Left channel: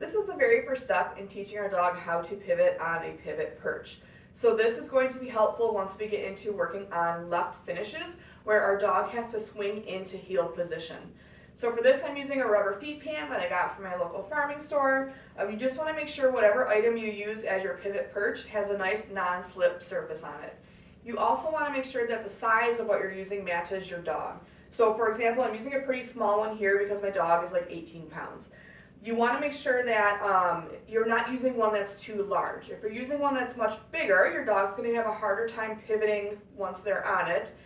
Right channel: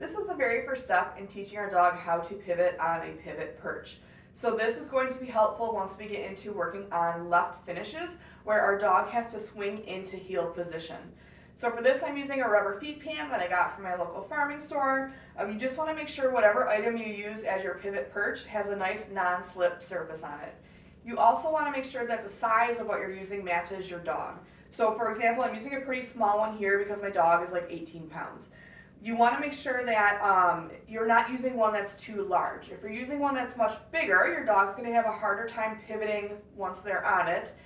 This is the very first step in teaching our dog how to pivot on a pivot perch. So this is going to be helpful once we get into working on left finishes where our dog has to swing into heel position. So for this I'm using a rubber feed pan that I got from my local farming store. You just want to make sure whatever item you use as your pivot perch has a nice non-slip surface on it. You also want to make sure that the size of what you're using matches your dog. So for example, I'm using a pretty small one here because my dog is like 18 pounds. You want to make sure that you're not using one that's too large. If you're using one that's much bigger, your dog's going to have a harder time pivoting once they're on it,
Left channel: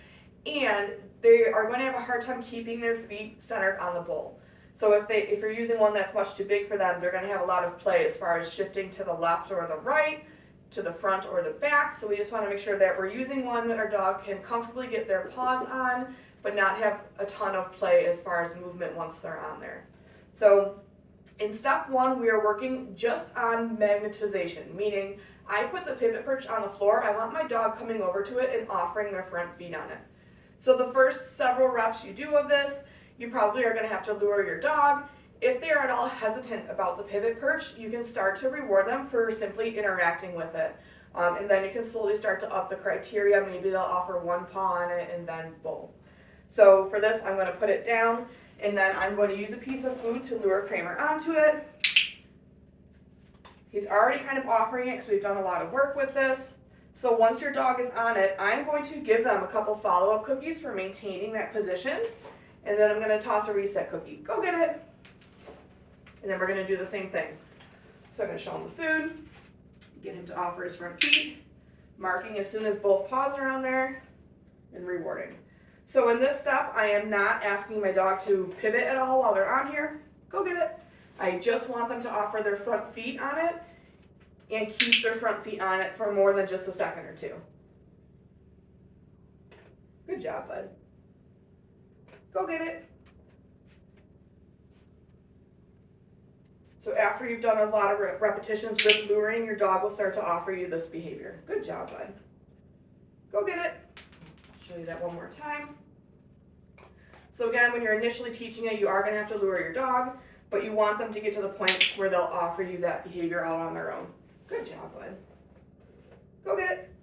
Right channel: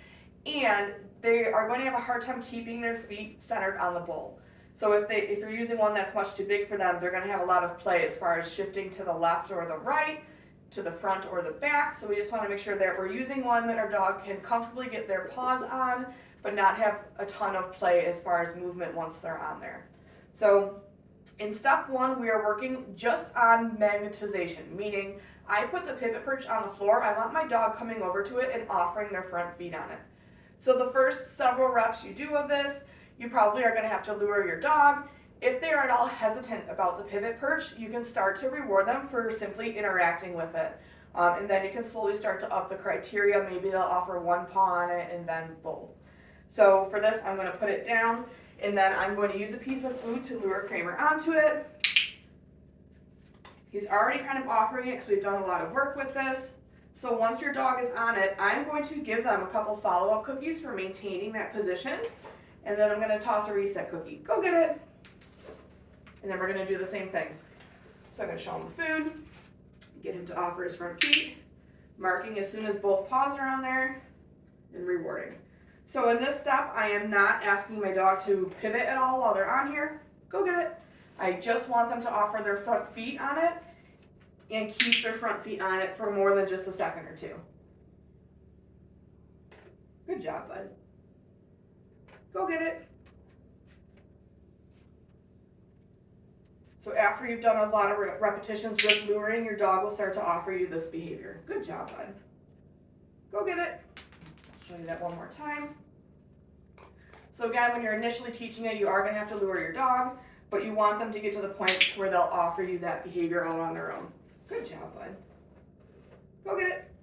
and they are going to have a hard time keeping their feet centered on the bowl. So if you're using one that's much too big for them, they're going to have a lot of play as far as shifting to the left or the right, to the front or the back. So we just want to make sure that we're using one that our dog can comfortably get their paws on, but not have a ton of play as far as movement once they're on there. So in step one, we are working just on magnetization, meaning I put the pivot perch on the floor. I want my dog coming over to it and offering their front feet on it. So the first several reps you do of this, you probably are going to have to lure your dog. If they are at all hesitant about the pivot perch, you can start to reward them for simply interacting with it. And then you can slowly start to up the criteria. Maybe they'll offer one paw on it and then both. So for this, I'm going to put it down. And then I'm going to use a piece of food to lure Kramer onto it. He's already kind of offering it because we've done a lot of work with this. So once your dog is on it, I'm going to give them a couple follow-up cookies for maintaining that position. And then I'm going to toss a reset cookie. Go get it. And then we're going to do the same thing. So I'm going to show him the food, get him to offer his front feet, marking as soon as both paws are on there, and rewarding. So in this step, I am not asking my dog to pivot at all while they're on here. Go get it. I just want them to offer their front feet on it and keep their front feet on it for more than just a second or two. Good job, bud. Go get it. So after you've done a lot of repetitions with luring, your dog will start to offer you this behavior. Good job, bud. Go get it. Show you that one more time. So again, when you're initially teaching it, you are going to have to lure your dog, but you want them to get to the point where they'll offer you that behavior all on their own. Good job, bud. Go get it.